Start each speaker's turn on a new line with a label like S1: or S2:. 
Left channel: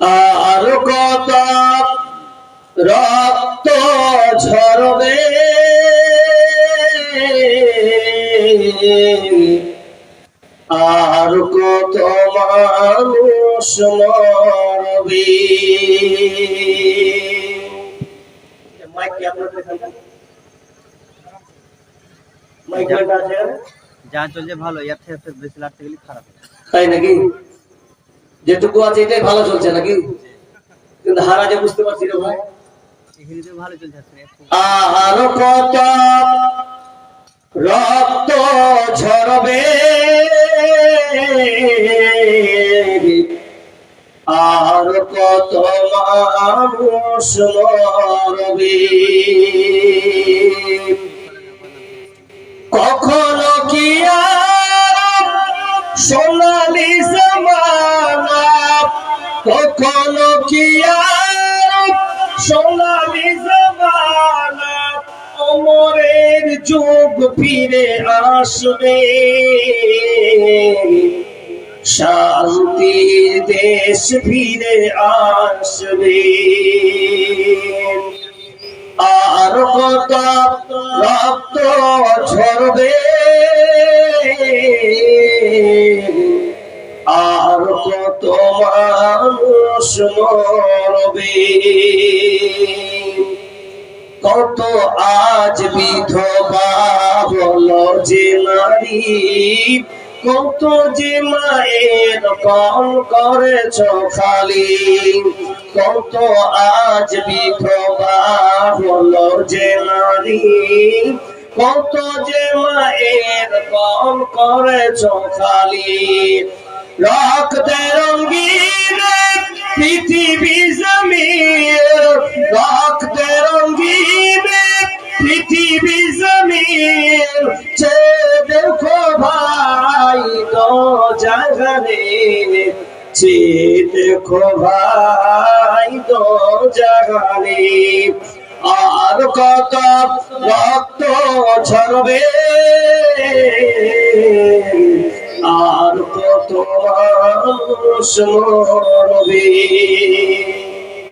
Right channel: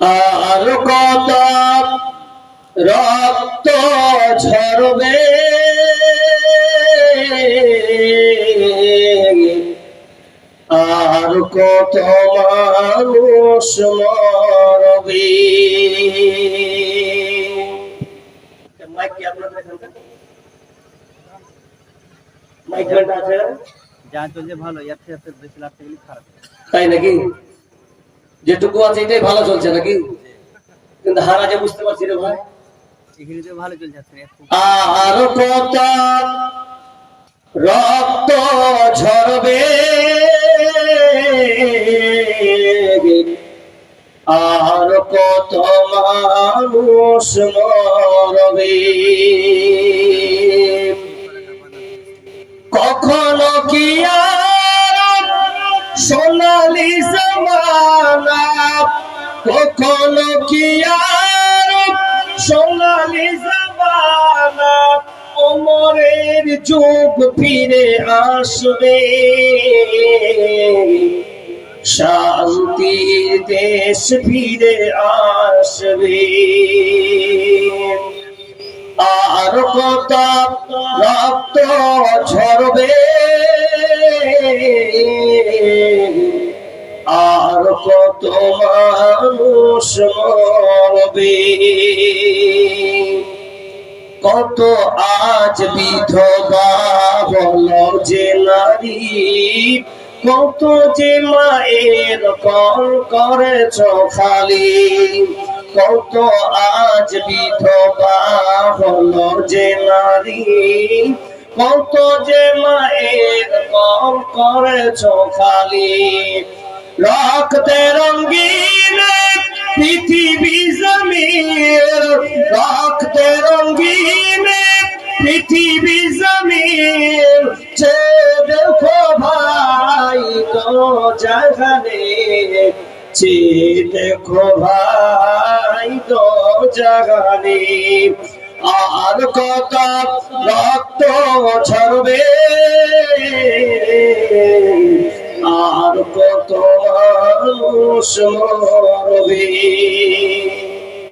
S1: আর কত রক্ত ঝরবে। আর কত মানুষ মরবে। মাইক কি আপনার মাইক ঘণ্টা আছে
S2: যা চলছে ভালো ইয়ার থেকে এর বেশি লাগতে গেলে খারাপ।
S1: তাই নাকি? যেটুকু আছে এটাই ভালো চলছে নাকি? কিন্তু হারা যে বুঝতে পারছি রে ভাই। আর কত রক্ত ঝরবে। আর কত মানুষ মরবে। সোনালি জমানা কি সোনালি জমানা? অমরের যুগ ফিরে আসবে। শান্তির দেশ ফিরে আসবে। আর কত রক্ত ঝরবে? কত কত আজ বিধবা হলো যে নারী, কত যে মায়ের কল করেছ খালি, কত আজ বিধবা হলো যে নারী, কত যে মায়ের কল করেছ খালি রক্তে রঙ্গিন পৃথিবী জমির রক্তে রঙ্গিন পৃথিবী জমির। চে দেখো ভাই তো জাগানে চে দেখো ভাই তো জাগানে আর কত রক্ত ঝরবে। সমরবী